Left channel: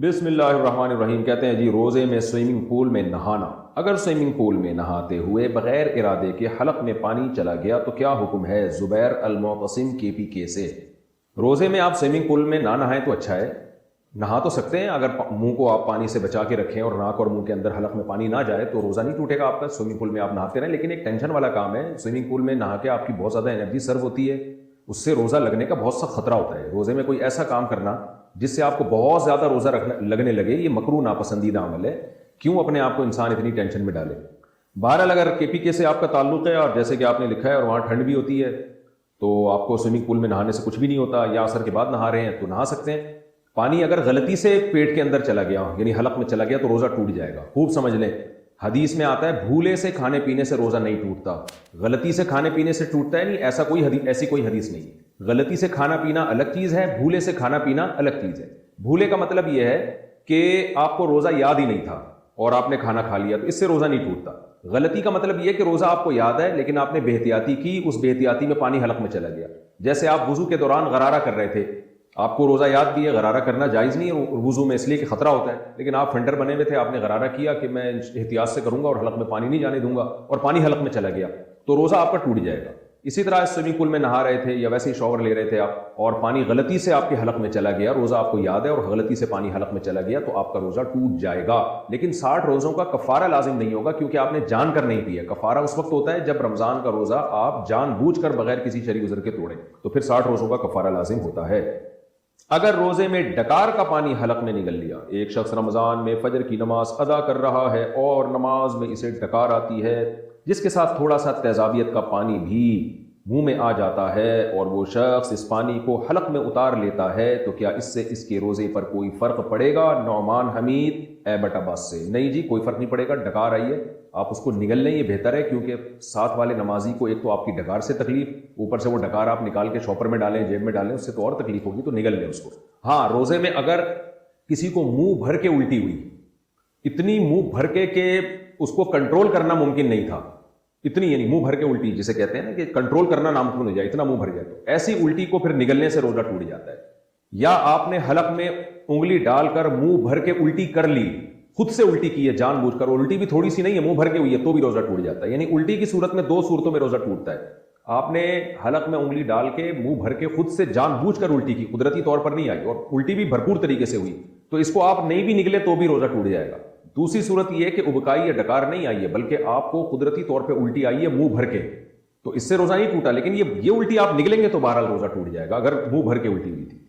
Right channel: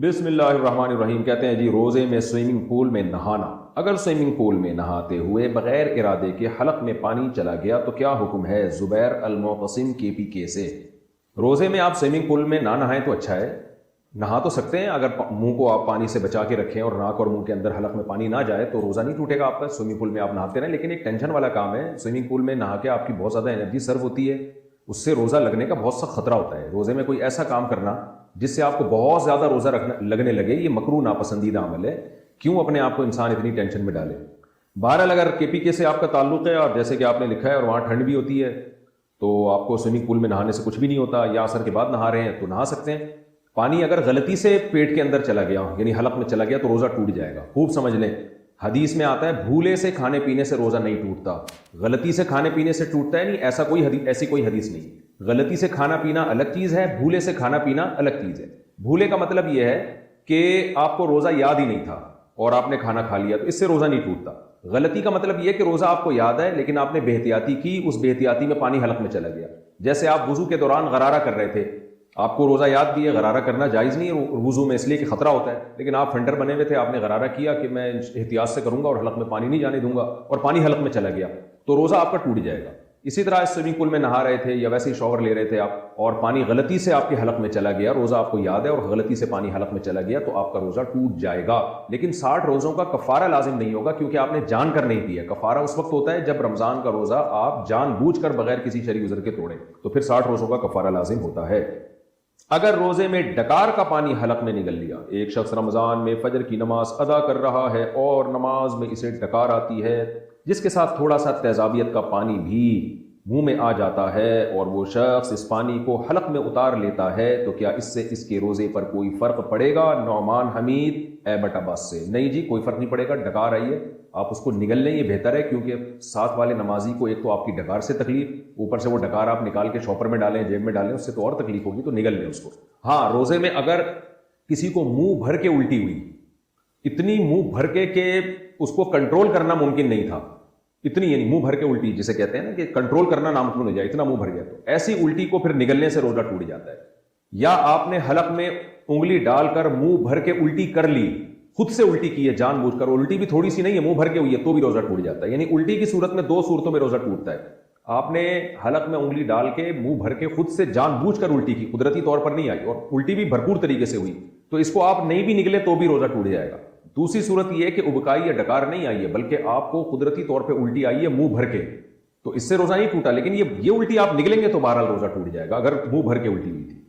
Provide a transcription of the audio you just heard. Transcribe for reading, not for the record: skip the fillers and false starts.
بسم اللہ الرحمن الرحیم. کہتے ہیں جی روزے میں سوئمنگ پول میں نہانا. اگر سوئمنگ پول میں نہاتے ہوئے بغیر ارادے کے حلق میں پانی چلا گیا تو کیا حکم ہے؟ زبیر المعتصم KPK سے. روزے میں آپ سوئمنگ پول میں نہ نہائیں تو اچھا ہے. نہا تو سکتے ہیں اگر منہ کو آپ پانی سے بچا کے رکھیں اور ناک اور منہ کے اندر حلق میں پانی نہ جائے تو روزہ نہیں ٹوٹے گا آپ کا. سوئمنگ پول میں آپ نہاتے رہیں, لیکن ایک ٹینشن والا کام ہے. سوئمنگ پول میں نہا کے آپ کی بہت زیادہ انرجی سرو ہوتی ہے, اس سے روزہ لگنے کا بہت سخت خطرہ ہوتا ہے. روزے میں کوئی ایسا کام کرنا جس سے آپ کو بہت زیادہ روزہ لگنے لگے, یہ مکروہ ناپسندیدہ عمل ہے. کیوں اپنے آپ کو انسان اتنی ٹینشن میں ڈالے؟ بہرحال اگر KPK سے آپ کا تعلق ہے اور جیسے کہ آپ نے لکھا ہے اور وہاں ٹھنڈ بھی ہوتی ہے تو آپ کو سوئمنگ پول میں نہانے سے کچھ بھی نہیں ہوتا, یا عصر کے بعد نہا رہے ہیں تو نہا سکتے ہیں. پانی اگر غلطی سے پیٹ کے اندر چلا گیا یعنی حلق میں چلا گیا تو روزہ ٹوٹ جائے گا. خوب سمجھ لیں, حدیث میں آتا ہے بھولے سے کھانے پینے سے روزہ نہیں ٹوٹتا, غلطی سے کھانے پینے سے ٹوٹتا ہے. نہیں, ایسی کوئی حدیث نہیں. غلطی سے کھانا پینا الگ چیز ہے, بھولے سے کھانا پینا الگ چیز ہے. بھولے کا مطلب یہ ہے کہ آپ کو روزہ یاد ہی نہیں تھا اور آپ نے کھانا کھا لیا تو اس سے روزہ نہیں ٹوٹتا. غلطی کا مطلب یہ کہ روزہ آپ کو یاد ہے لیکن آپ نے بے احتیاطی کی, اس بے احتیاطی میں پانی حلق میں چلا گیا. جیسے آپ وضو کے دوران غرارہ کر رہے تھے, آپ کو روزہ یاد بھی ہے, غرارہ کرنا جائز نہیں ہے وضو میں اس لیے کہ خطرہ ہوتا ہے, لیکن آپ فنڈر بنے ہوئے تھے, آپ نے غرارہ کیا کہ میں احتیاط سے کروں گا اور حلق میں پانی نہیں جانے دوں گا, اور پانی حلق میں چلا گیا تو روزہ آپ کا ٹوٹ جائے گا. اسی طرح سوئمنگ پول میں نہا رہے تھے یا ویسے ہی شاور لے رہے تھے آپ اور پانی غلطی سے آپ کے حلق میں چلا گیا, روزہ آپ کو یاد ہے اور غلطی سے پانی حلق میں چلا گیا تو آپ کا روزہ ٹوٹ جائے گا. لیکن 60 روزوں کا کفارہ لازم نہیں ہوگا کیونکہ آپ نے جان کر نہیں دیا. کفارہ اس وقت ہوتا ہے جب رمضان کا روزہ آپ جان بوجھ کر بغیر کسی شرعی عذر کے توڑیں, تو پھر 60 روزوں کا کفارہ لازم ہوتا ہے. اگر روزے میں ڈکار کا پانی حلق میں نگل لیا, ایک شخص رمضان میں فجر کی نماز ادا کر رہا ہے اور نماز میں اسے ڈکار آتی ہے جس کے ساتھ تھوڑا سا تیزابیت کا پانی بھی منہ میں آ جاتا ہے اور وہ شخص اس پانی کو حلق میں اتار لیتا ہے تو کیا اس سے اس کے روزے پر کوئی فرق پڑے گا؟ نعمان حمید ایبٹ آباد سے. نہیں جی, کوئی فرق نہیں پڑے گا. ڈکار آئیے آپ اس کو نگل لیں, یہ بہتر ہے کیونکہ ساتھ والے نمازی کو ایک تو آپ کی ڈکار سے تکلیف, اوپر سے وہ ڈکار آپ نکال کے شاپر میں ڈالیں, جیب میں ڈالیں, اس سے تو اور تکلیف ہوگی, تو نگل لیں اس کو. ہاں, روزے میں اگر کسی کو منہ بھر کے الٹی ہوئی, اتنی منہ بھر کے کہ اس کو کنٹرول کرنا ممکن نہیں تھا, اتنی یعنی منہ بھر کے الٹی جسے کہتے ہیں کہ کنٹرول کرنا ناممکن ہو جائے, اتنا منہ بھر گیا, تو ایسی الٹی کو پھر نگلنے سے روزہ ٹوٹ جاتا ہے. یا آپ نے حلق میں انگلی ڈال کر منہ بھر کے الٹی کر لی, خود سے الٹی کی ہے جان بوجھ کر, الٹی بھی تھوڑی سی نہیں ہے, منہ بھر کے ہوئی ہے, تو بھی روزہ ٹوٹ جاتا ہے. یعنی الٹی کی صورت میں 2 صورتوں میں روزہ ٹوٹتا ہے. آپ نے حلق میں انگلی ڈال کے منہ بھر کے خود سے جان بوجھ کر الٹی کی, قدرتی طور پر نہیں آئی, اور الٹی بھی بھرپور طریقے سے ہوئی, تو اس کو آپ نہیں بھی نگلے تو بھی روزہ ٹوٹ جائے گا. دوسری صورت یہ ہے کہ ابکائی یا ڈکار نہیں آئی ہے بلکہ آپ کو قدرتی طور پہ الٹی آئی ہے منہ بھر کے, تو اس سے روزہ نہیں ٹوٹا. لیکن یہ الٹی آپ نگلیں گے تو بہرحال روزہ ٹوٹ جائے گا اگر منہ بھر کے الٹی ہوئی تھی.